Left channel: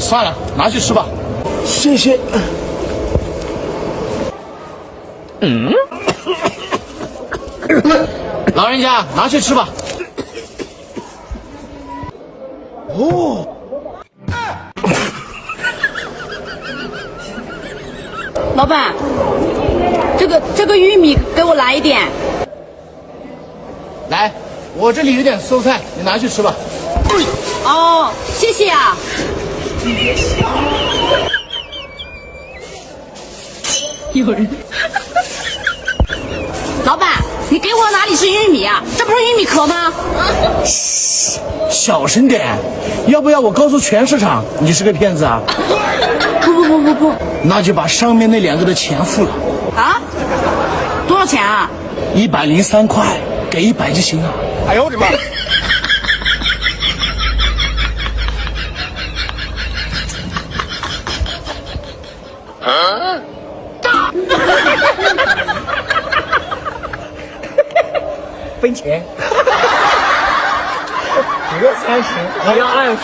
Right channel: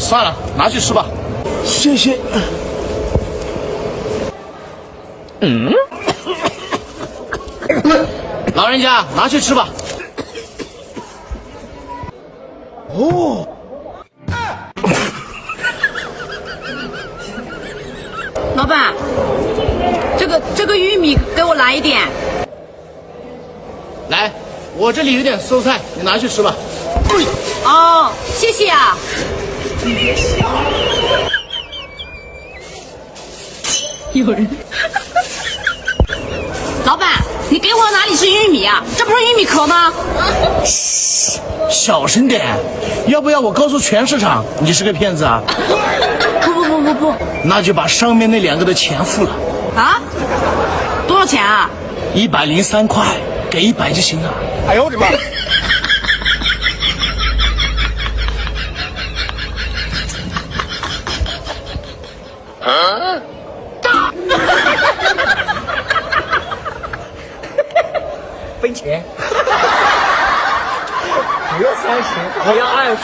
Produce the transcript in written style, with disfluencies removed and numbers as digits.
算了，拿去吃吧。谢谢。老人家，拿去吃吧。哦，老板，这个玉米给我来一点。来，我这里有点蔬菜，你拿去吃吧。哦，谢谢啊。你别笑。有人。老板，你给我哪里是玉米啊？这不是玉米壳吗？小声点，要不要我告诉全市场你是个骗子啊？不，那就把上面那2个的钱付了。啊？多少钱啊？103块，给100就行了。哎呦我的妈！分钱。别30，我要20。